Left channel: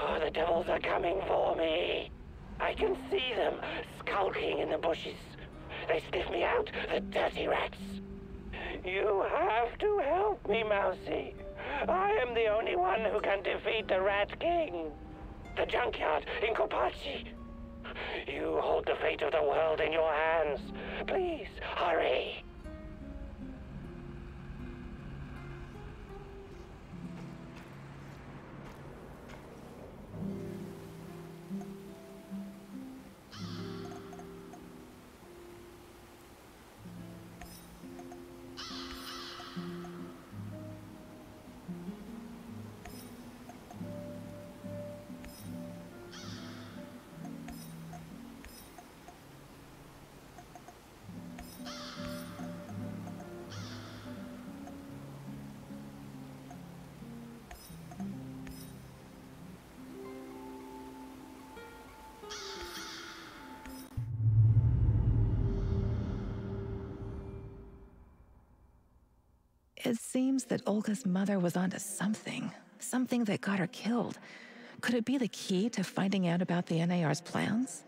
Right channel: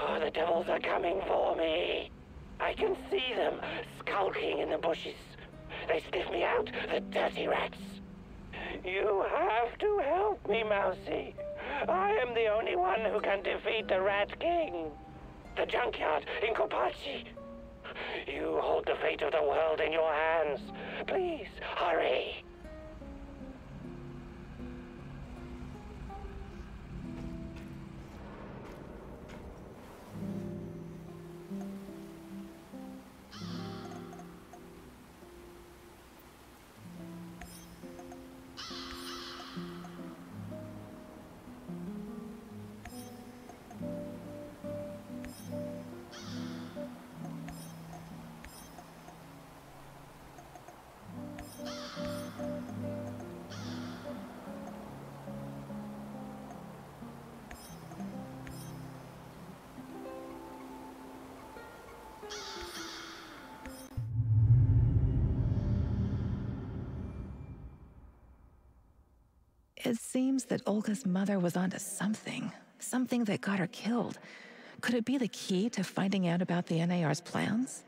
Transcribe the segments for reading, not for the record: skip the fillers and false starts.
Oh, the devils are coming for me. I can see them skulking in the bushes. They sniff me out, the dirty rats. You have to help me, Mousy. I am the only one who can defeat the Rat King. The junkyard in Kopachi. You hold the fate of the world in your hands. Please, hurry. It seems that Olga's mother was onto something that got her killed. Could it be the key to finding out about the NAR's plans?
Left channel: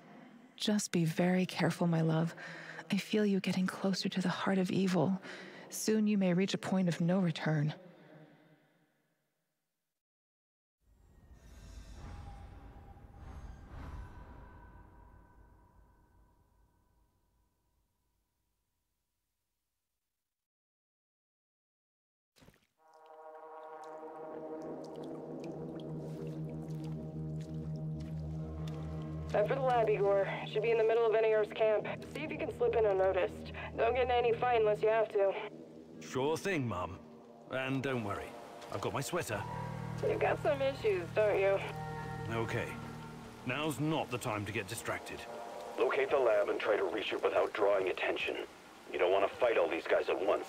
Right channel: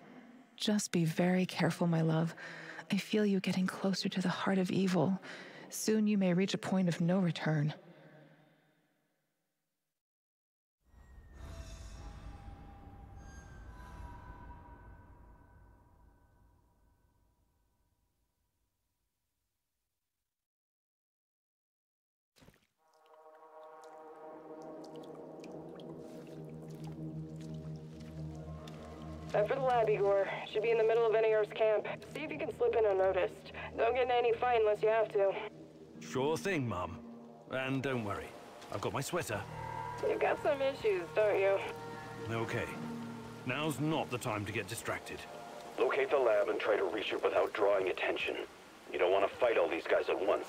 Just be very careful, my love. I feel you getting closer to the heart of evil. Soon you may reach a point of no return. Time for the lab, Igor. Should be in the middle of NAR's camp. See if you can slip in unnoticed. Don't get in any fight unless you have to. Sure thing, Mum. And don't worry, I've got my sweater. You've got some issues, don't you? Okay. Now's not the time to get distracted. Locate the lab and try to reach it without drawing attention. You don't want to fight all these guys at once.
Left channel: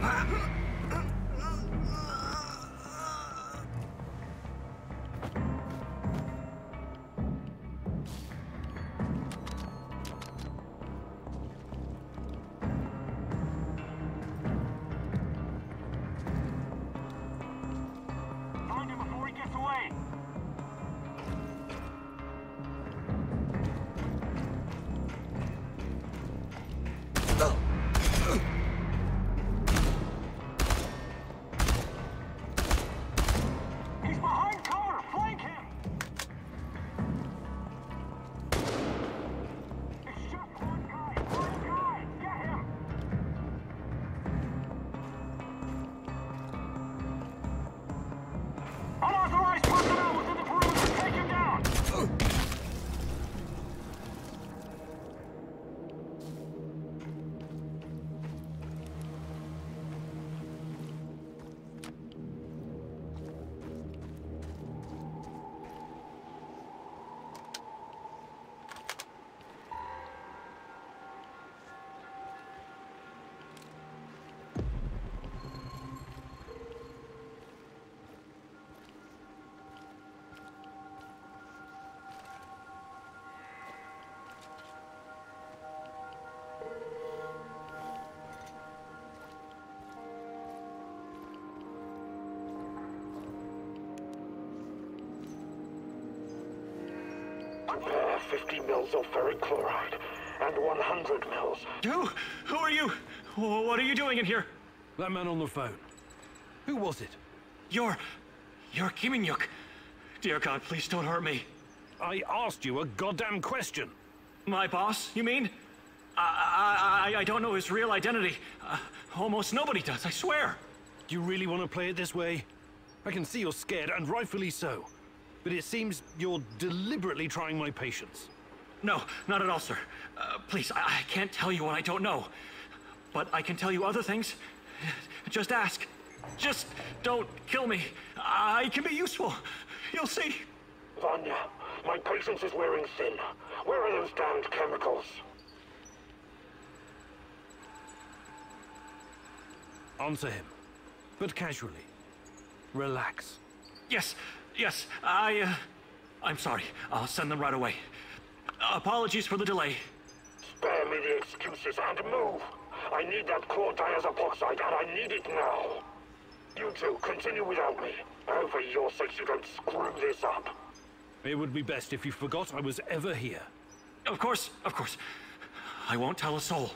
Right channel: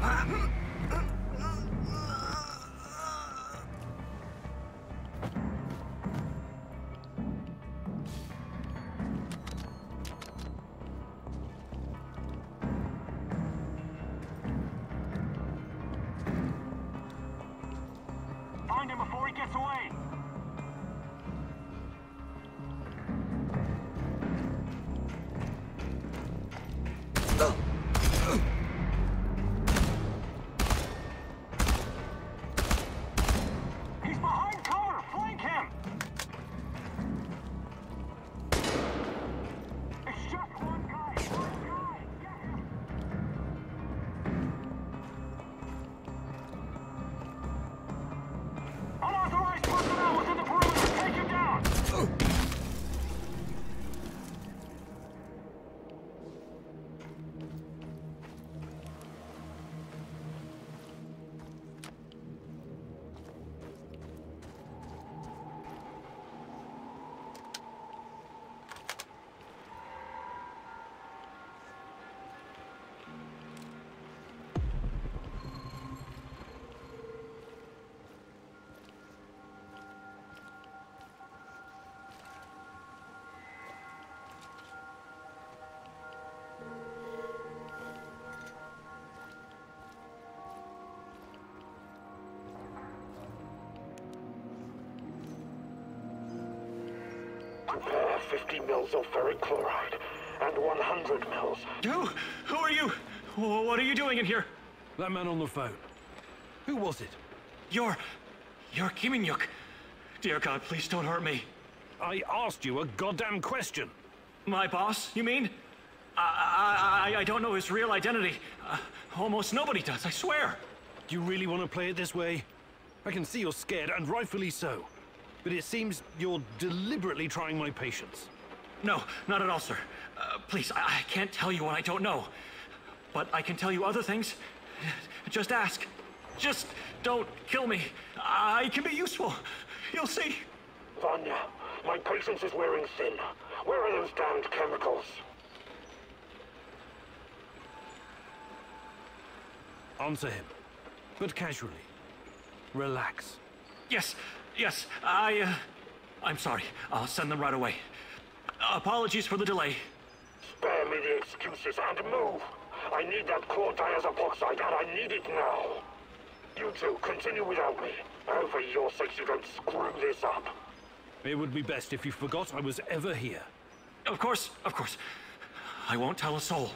Find him before he gets away! He's behind cover! Flank him! It's just one guy! One guy! Get him! Unauthorized personnel within the perimeter! Take him down! Prepare 50 mils of ferric chloride and 100 mils. Who are you? What are you doing in here? That man on the phone. Who was it? You're Kiminyuk. Dear God, please don't hurt me. I asked you a goddamn question. My boss, you mean? I don't know his real identity. Almost nobody does, I swear. Do you really want to play it this way? I can see you're scared, and rightfully so. But it seems you're deliberately trying my patience. No, not at all, sir. Please, I can't tell you what I don't know. But I can tell you other things. Just ask. Just don't kill me. I can be useful. You'll see. Vanya, my patience is wearing thin. Where are those damned chemicals? Answer him. But casually. Relax. Yes, I'm sorry. I'll send them right away. Apologies for the delay. Spare me the excuses and move. I need that core diazopoxide, and I need it now. You two, continue without me. I hope for your sakes you don't screw this up. It would be best if you forgot I was ever here. Of course. I won't tell a soul.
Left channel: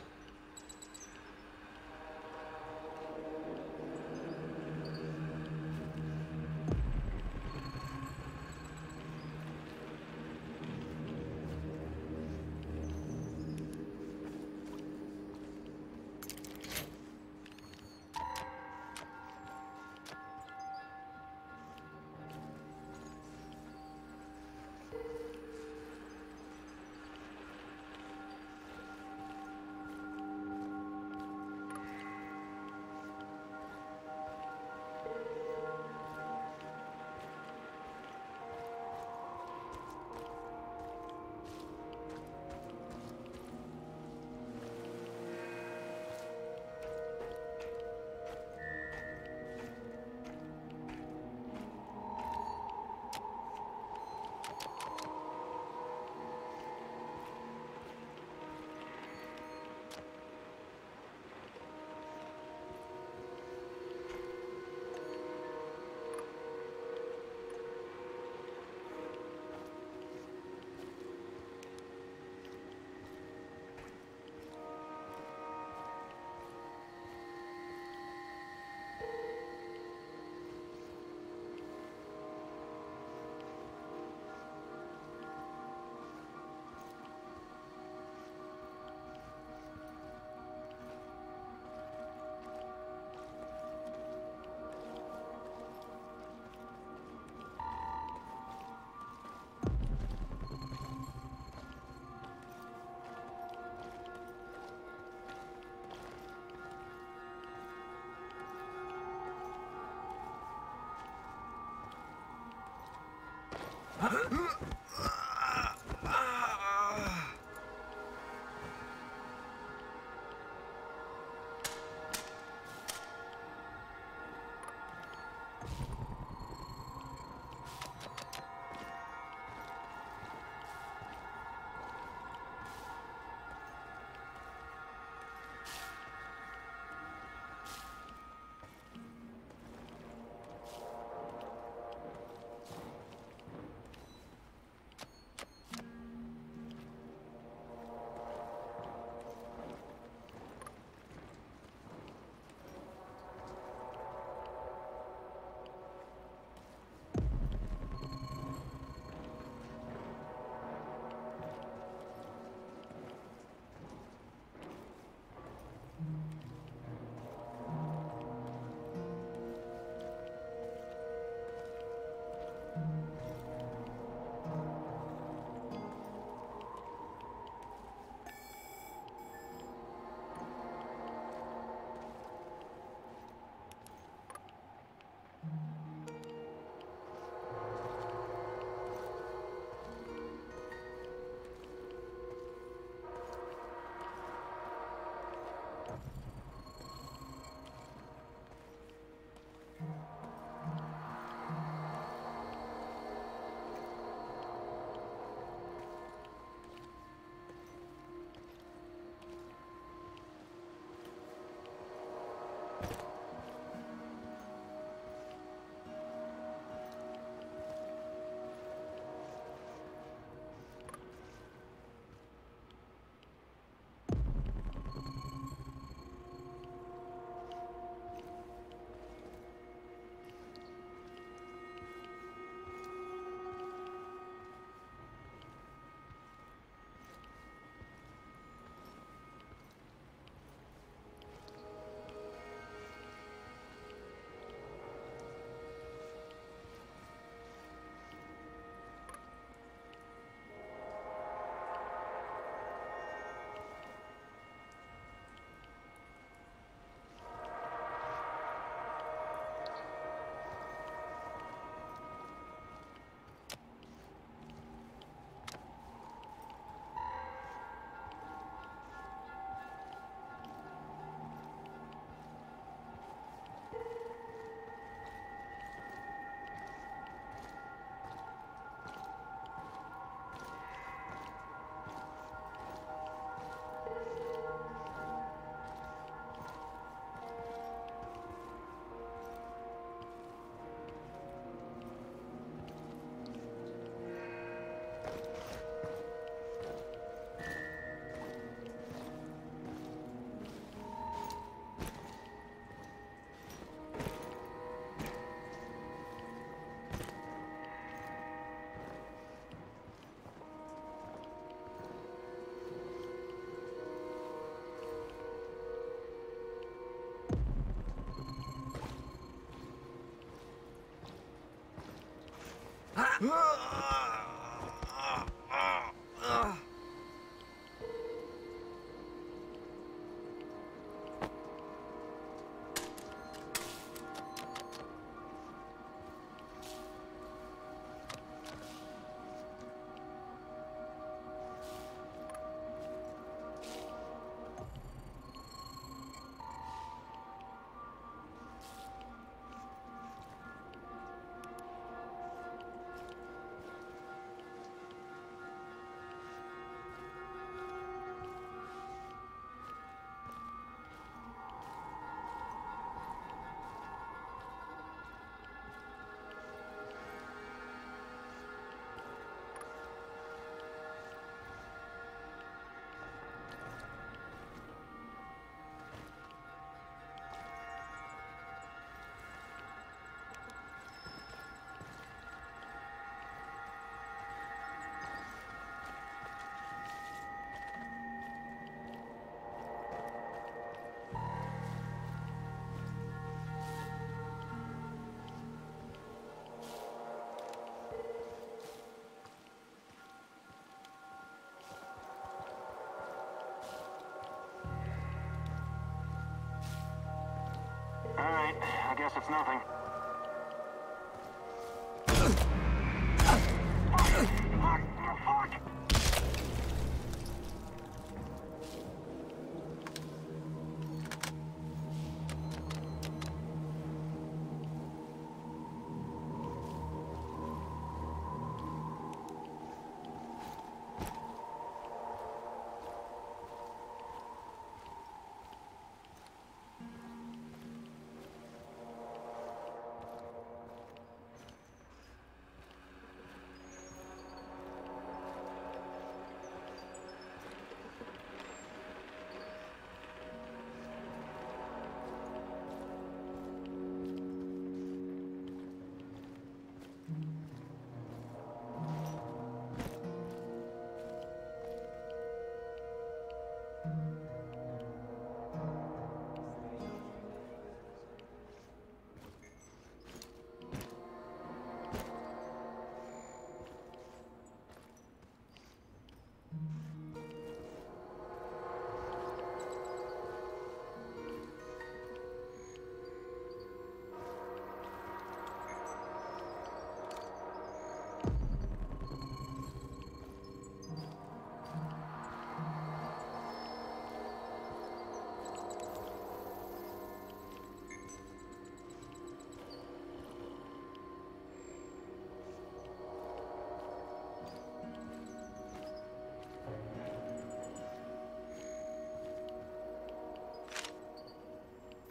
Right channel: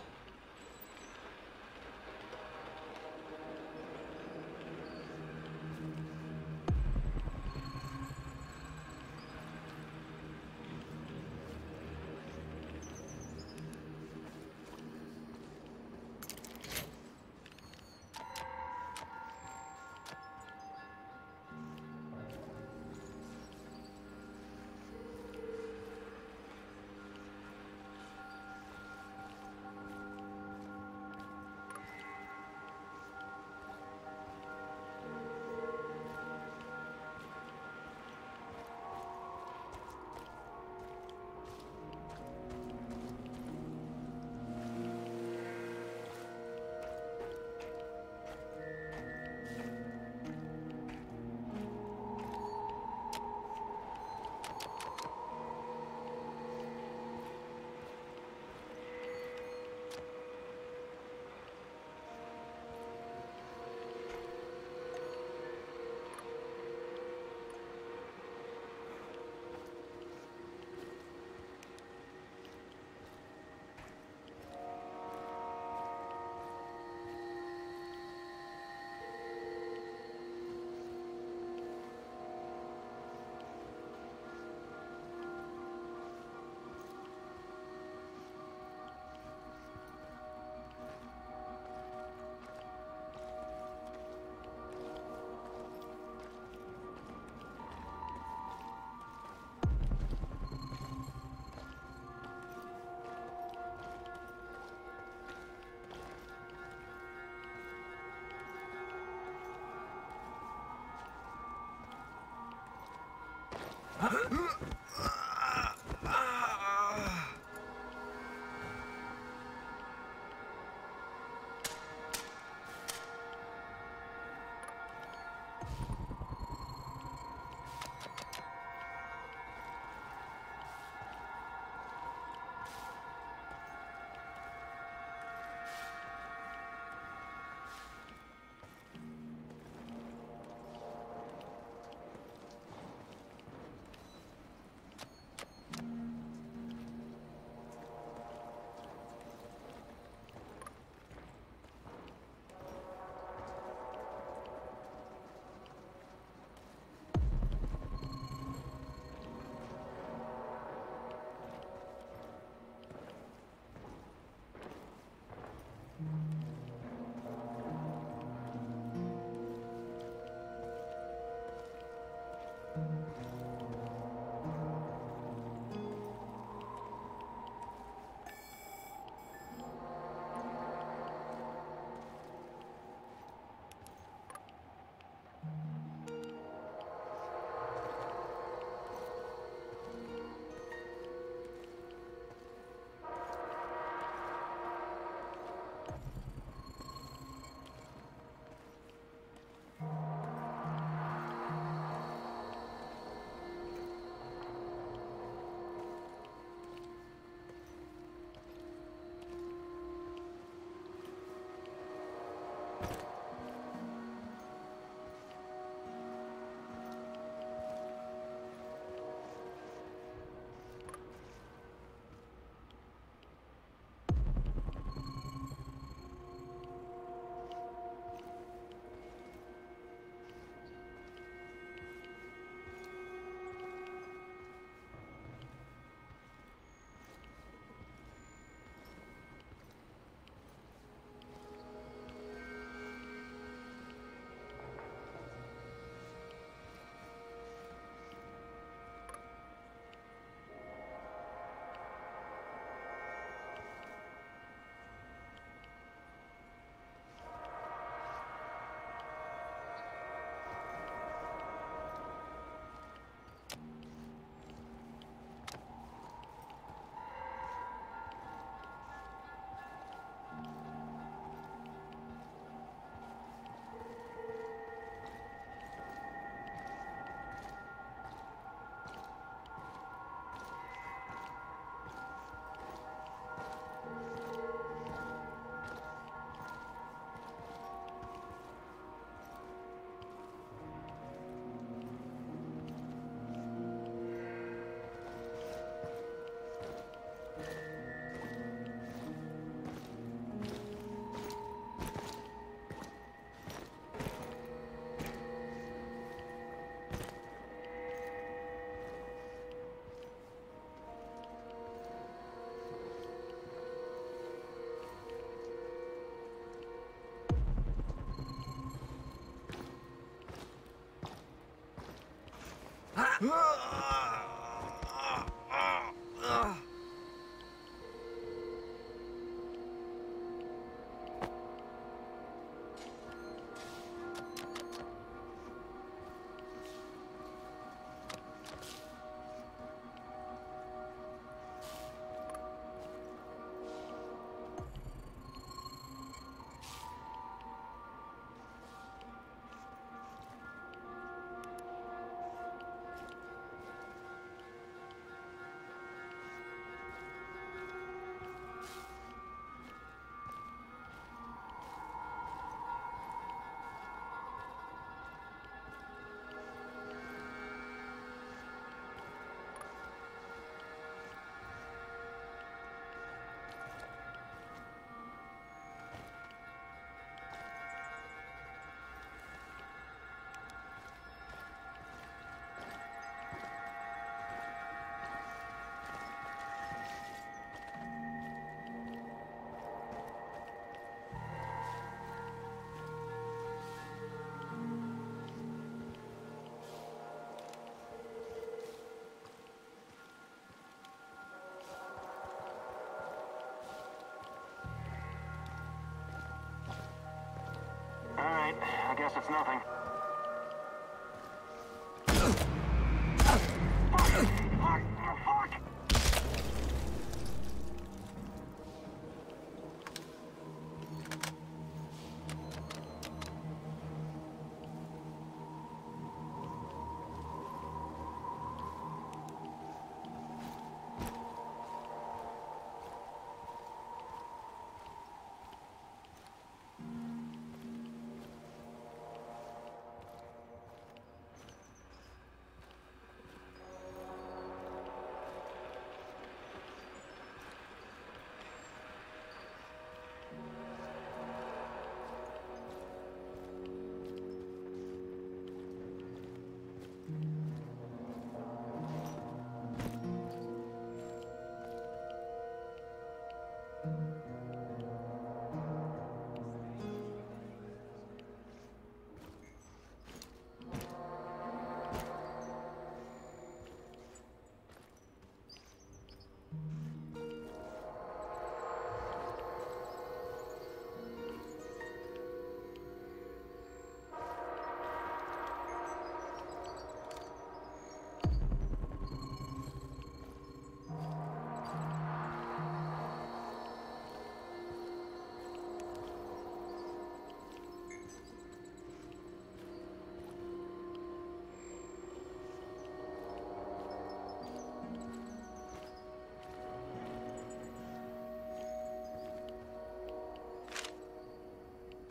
All right, I guess it's nothing.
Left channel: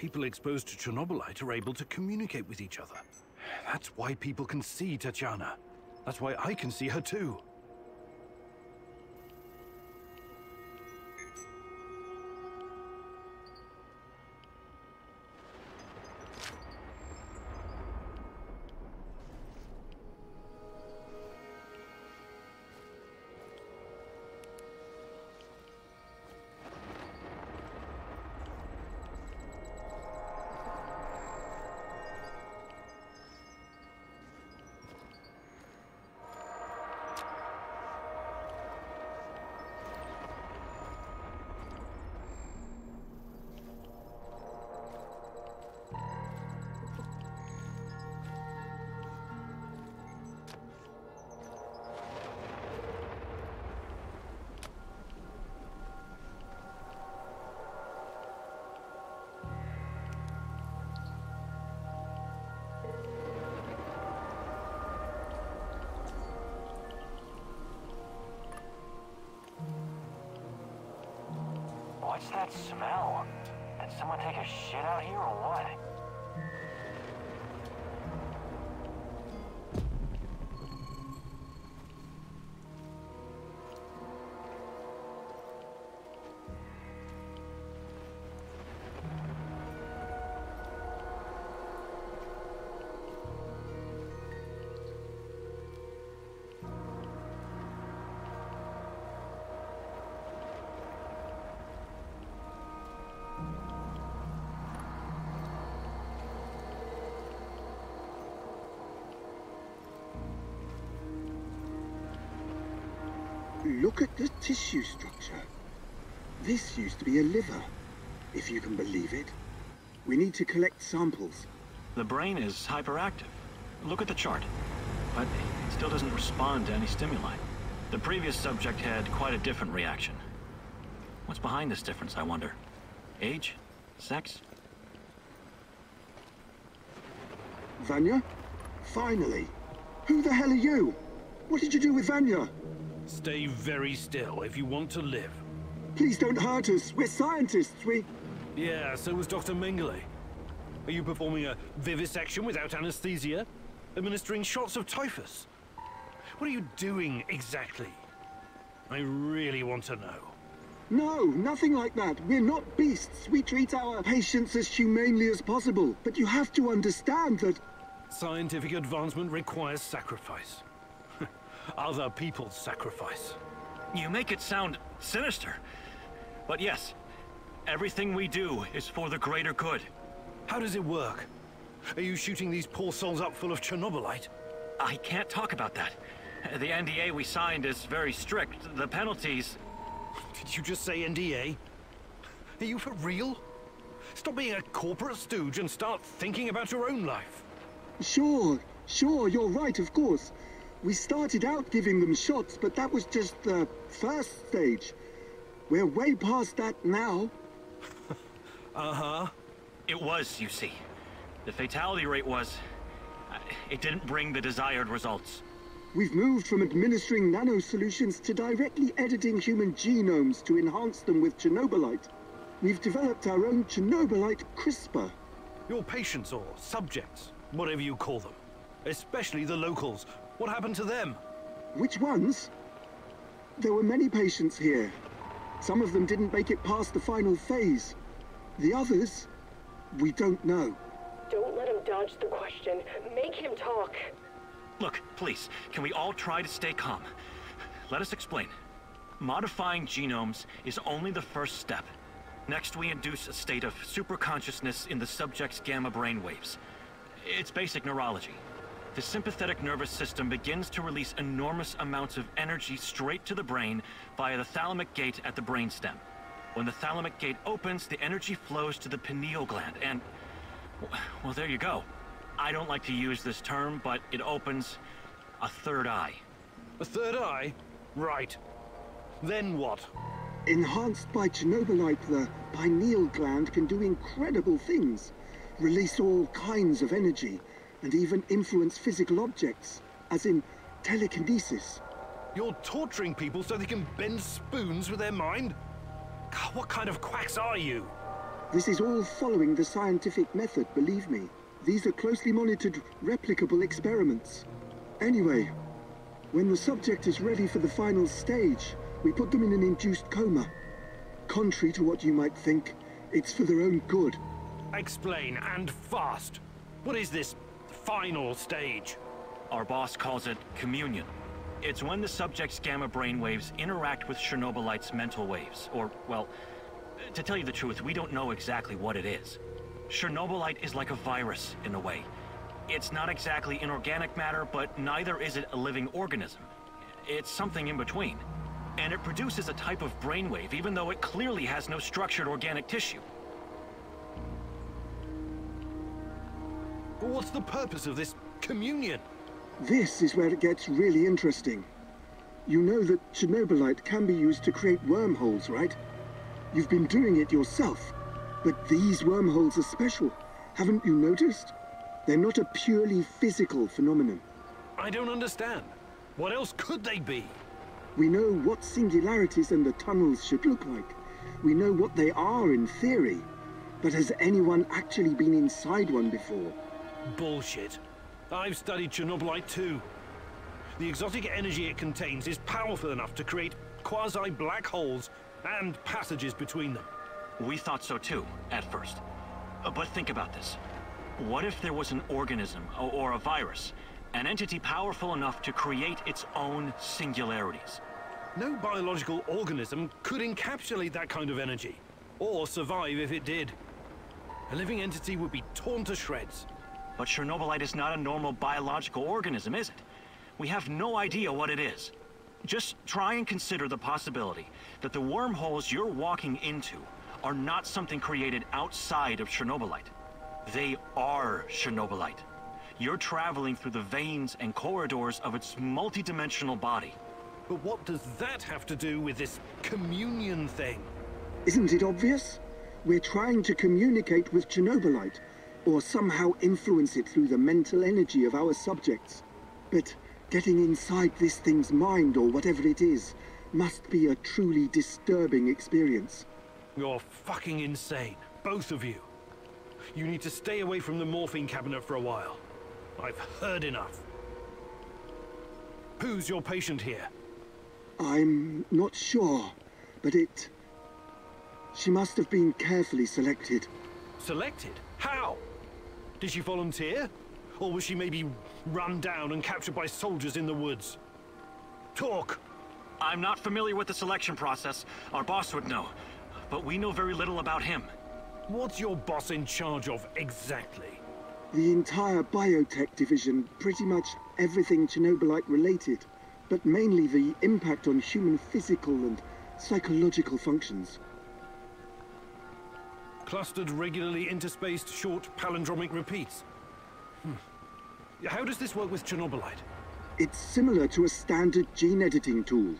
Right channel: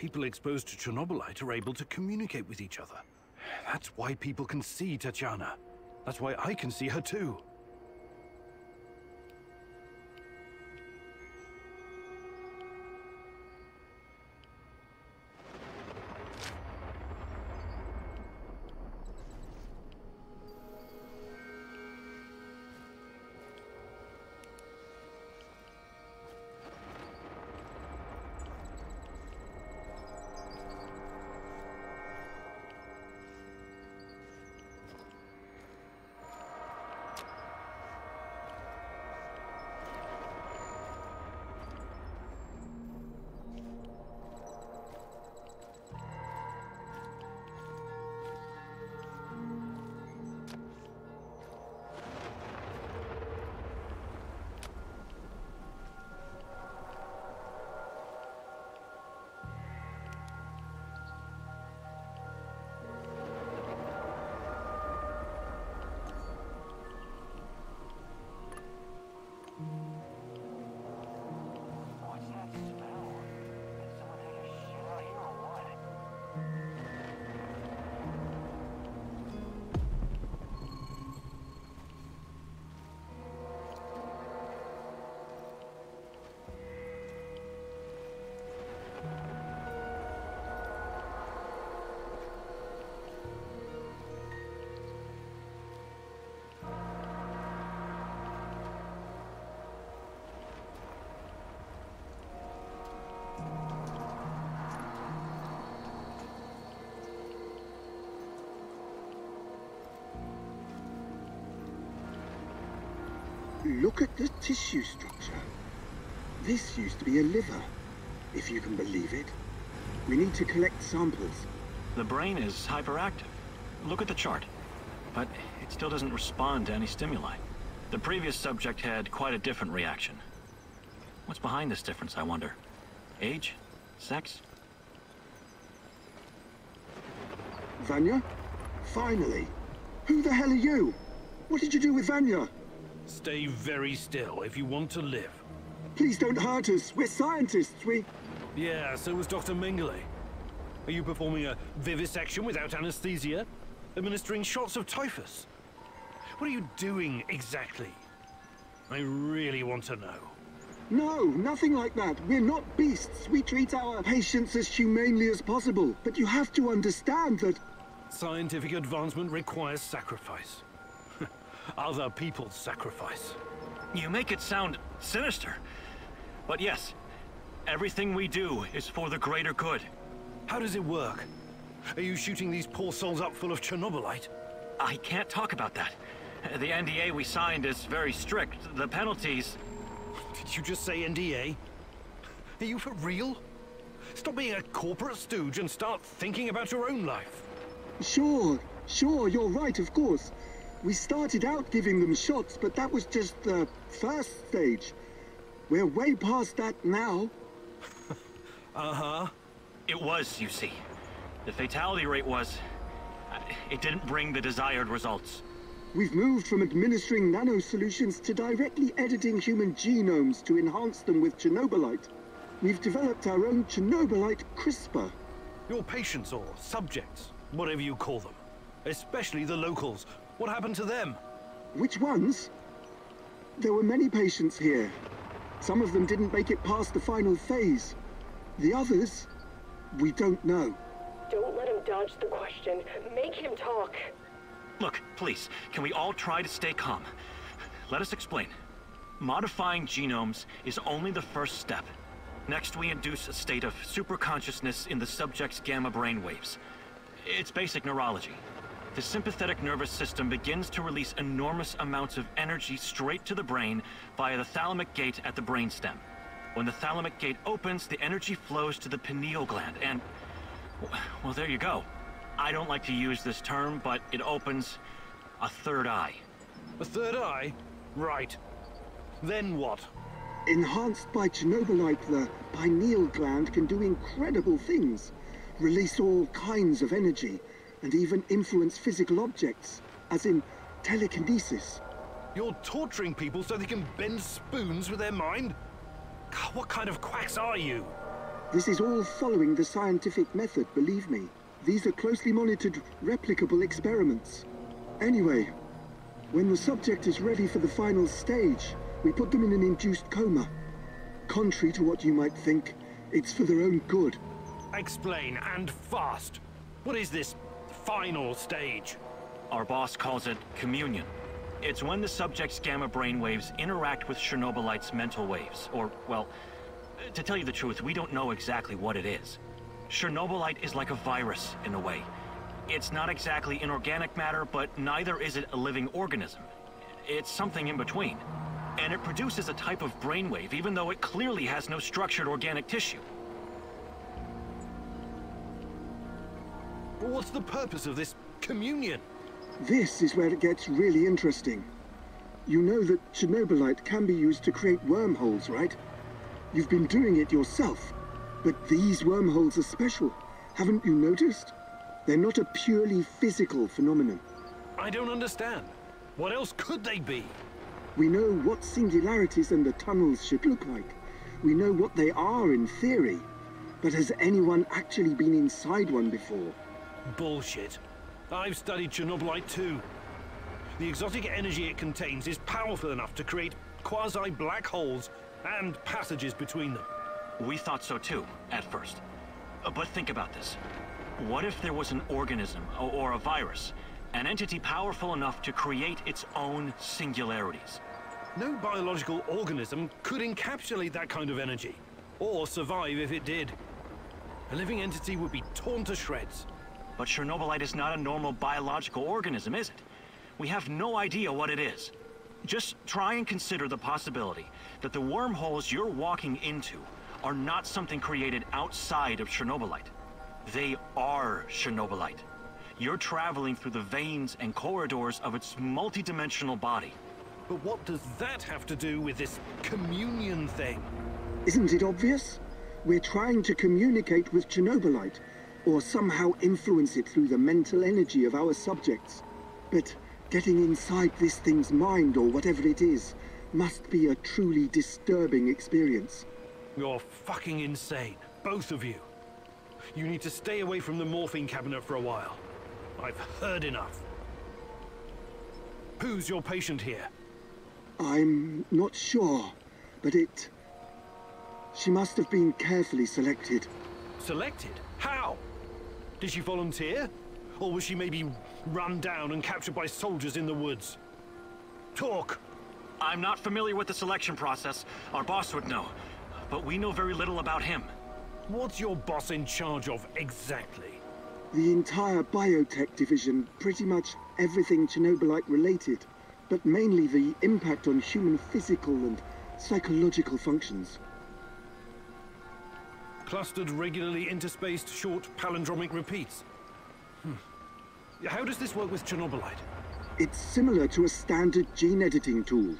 People exposed to Chernobylite are able to communicate with each other. That's why people can see Tatiana. That's why I can see her too. What's that smell? Did someone take a shit out here or what? Look at the tissue structure. This used to be a liver, if you can believe it. We need to collect samples. The brain is hyperactive. Look at the chart. But it still doesn't respond to any stimuli. The previous subject had quite a different reaction. What's behind this difference, I wonder? Age? Sex? Vanya? Finally! Who the hell are you? What did you do with Vanya? Stay very still if you want to live. Please don't hurt us. We're scientists. Yeah, so was Dr. Mengele. Are you performing a vivisection without anesthesia? Administering shots of typhus? What are you doing exactly? I really want to know. No, nothing like that. We're not beasts. We treat our patients as humanely as possible. But you have to understand that... Scientific advancement requires sacrifice. Other people's sacrifice. You make it sound sinister. But yes, everything we do is for the greater good. How does it work? Are you shooting these poor souls up full of Chernobylite? I can't talk about that. The NDA we signed is very strict. The penalties... Did you just say NDA? Are you for real? Stop being a corporate stooge and start thinking about your own life. Sure, you're right, of course. We started out giving them shots, but that was just the first stage. We're way past that now. Uh-huh. It was, you see. The fatality rate was... it didn't bring the desired results. We've moved from administering nano-solutions to directly editing human genomes to enhance them with Chernobylite. We've developed our own Chernobylite CRISPR. Your patients or subjects, whatever you call them. Especially the locals. What happened to them? Which ones? There were many patients here. Some of them didn't make it past the final phase. The others, we don't know. Don't let him dodge the question. Make him talk. Look, please, can we all try to stay calm? Let us explain. Modifying genomes is only the first step. Next, we induce a state of superconsciousness in the subject's gamma brainwaves. It's basic neurology. The sympathetic nervous system begins to release enormous amounts of energy straight to the brain via the thalamic gate at the brainstem. When the thalamic gate opens, the energy flows to the pineal gland and... well, there you go. I don't like to use this term, but it opens a third eye. A third eye? Right. Then what? Enhanced by Chernobylite, the pineal gland can do incredible things. Release all kinds of energy, and even influence physical objects, as in telekinesis. You're torturing people so they can bend spoons with their mind? God, what kind of quacks are you? This is all following the scientific method, believe me. These are closely monitored, replicable experiments. Anyway, when the subject is ready for the final stage, we put them in an induced coma. Contrary to what you might think, it's for their own good. Explain, and fast. What is this final stage? Our boss calls it communion. It's when the subject's gamma brainwaves interact with Chernobylite's mental waves. Or, well, to tell you the truth, we don't know exactly what it is. Chernobylite is like a virus, in a way. It's not exactly inorganic matter, but neither is it a living organism. It's something in between. And it produces a type of brainwave, even though it clearly has no structured organic tissue. But what's the purpose of this communion? This is where it gets really interesting. You know that Chernobylite can be used to create wormholes, right? You've been doing it yourself. But these wormholes are special. Haven't you noticed? They're not a purely physical phenomenon. I don't understand. What else could they be? We know what singularities and the tunnels should look like. We know what they are in theory. But has anyone actually been inside one before? Bullshit. I've studied Chernobylite too. The exotic energy it contains is powerful enough to create quasi-black holes and passages between them. We thought so too, at first. But think about this. What if there was an organism, or a virus, an entity powerful enough to create its own singularities? No biological organism could encapsulate that kind of energy, or survive if it did. A living entity would be torn to shreds. But Chernobylite is not a normal biological organism, is it? We have no idea what it is. Just try and consider the possibility that the wormholes you're walking into are not something created outside of Chernobylite. They are Chernobylite. You're traveling through the veins and corridors of its multidimensional body. But what does that have to do with this communion thing? Isn't it obvious? We're trying to communicate with Chernobylite, or somehow influence it through the mental energy of our subjects. But getting inside this thing's mind, or whatever it is, must be a truly disturbing experience. You're fucking insane, both of you. You need to stay away from the morphine cabinet for a while. I've heard enough. Who's your patient here? I'm not sure, but she must have been carefully selected. Selected? How? Did she volunteer? Or was she maybe run down and captured by soldiers in the woods? Talk! I'm not familiar with the selection process. Our boss would know. But we know very little about him. What's your boss in charge of exactly? The entire biotech division, pretty much everything Chernobylite related, but mainly the impact on human physical and psychological functions. Clustered, regularly interspaced, short palindromic repeats. How does this work with Chernobylite? It's similar to a standard gene editing tool.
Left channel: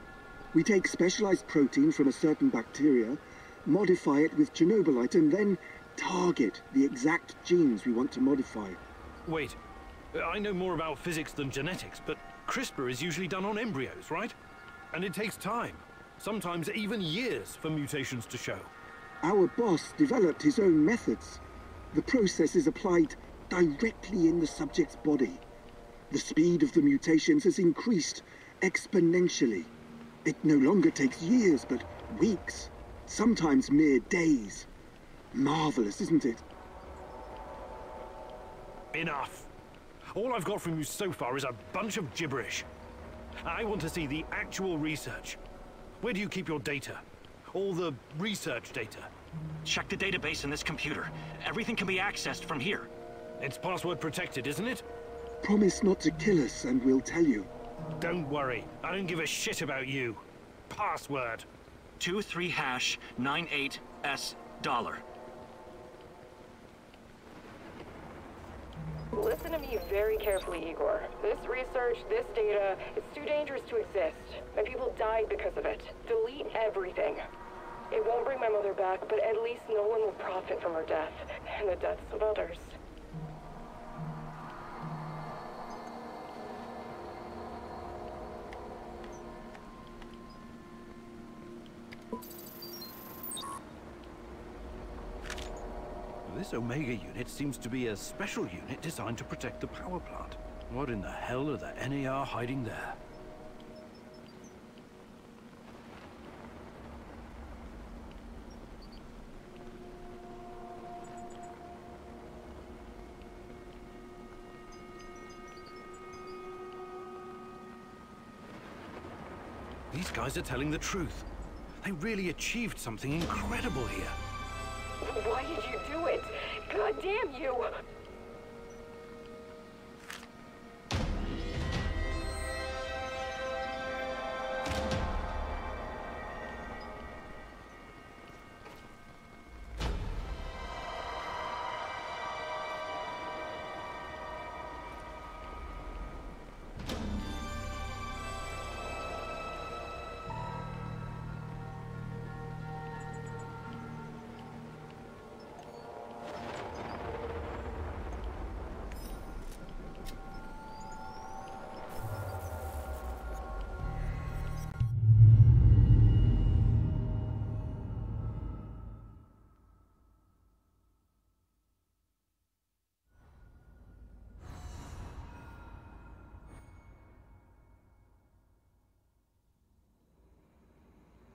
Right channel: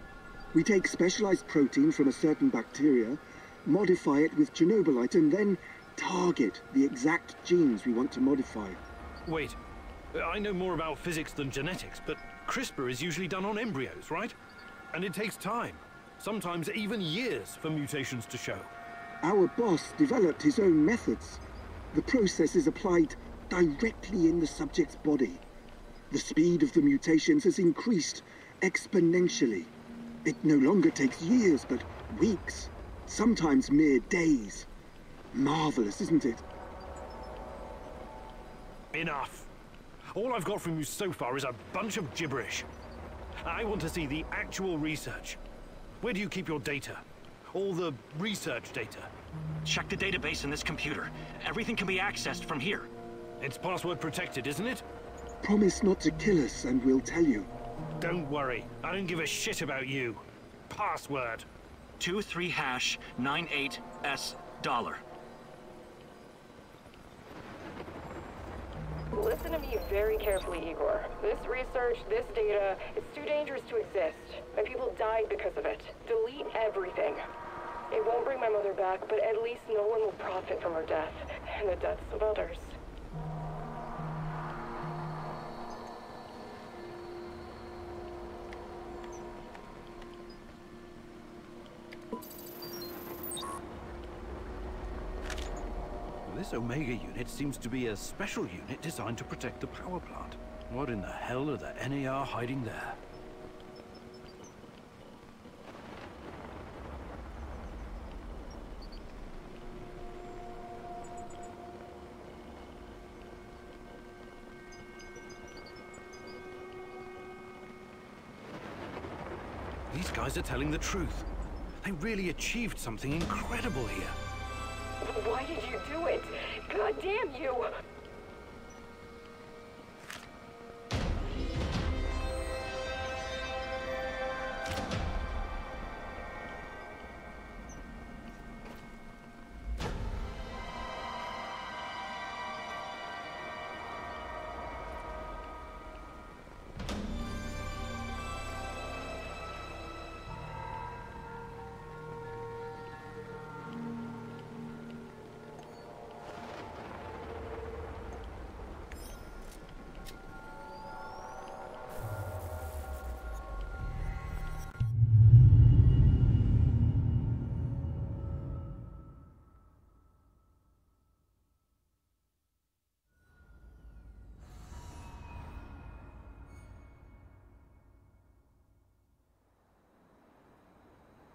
We take specialized protein from a certain bacteria, modify it with Chernobylite, and then target the exact genes we want to modify. Wait, I know more about physics than genetics, but CRISPR is usually done on embryos, right? And it takes time, sometimes even years, for mutations to show. Our boss developed his own methods. The process is applied directly in the subject's body. The speed of the mutations has increased exponentially. It no longer takes years, but weeks, sometimes mere days. Marvelous, isn't it? Enough. All I've got from you so far is a bunch of gibberish. I want to see the actual research. Where do you keep your data? All the research data? Check the database in this computer. Everything can be accessed from here. It's password protected, isn't it? Promise not to kill us and we'll tell you. Don't worry. I don't give a shit about you. Password. 23#98S$. Listen to me very carefully, Igor. This research, this data, it's too dangerous to exist. My people died because of it. Delete everything. It won't bring my mother back, but at least no one will profit from her death, and the deaths of others. This Omega unit seems to be a special unit designed to protect the power plant. What in the hell are the NAR hiding there? These guys are telling the truth. They really achieved something incredible here. Why did you do it? God damn you!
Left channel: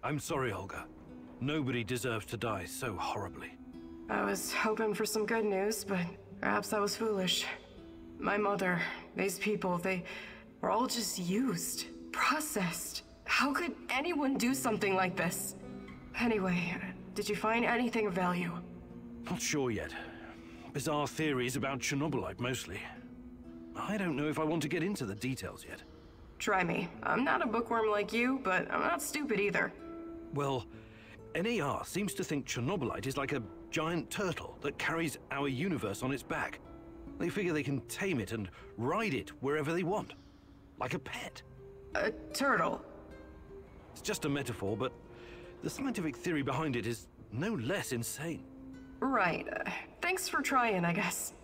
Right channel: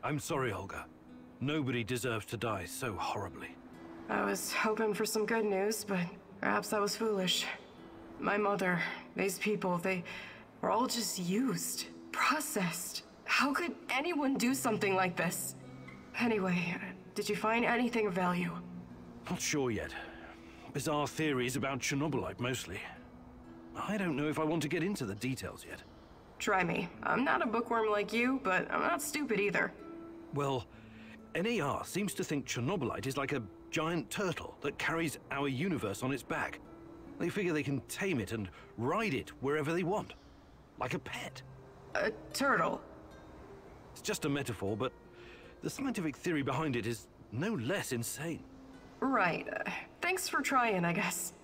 I'm sorry, Olga. Nobody deserves to die so horribly. I was hoping for some good news, but perhaps I was foolish. My mother, these people, they were all just used, processed. How could anyone do something like this? Anyway, did you find anything of value? Not sure yet. Bizarre theories about Chernobylite, mostly. I don't know if I want to get into the details yet. Try me. I'm not a bookworm like you, but I'm not stupid either. Well, NAR seems to think Chernobylite is like a giant turtle that carries our universe on its back. They figure they can tame it and ride it wherever they want. Like a pet. A turtle? It's just a metaphor, but the scientific theory behind it is no less insane. Right. Thanks for trying, I guess.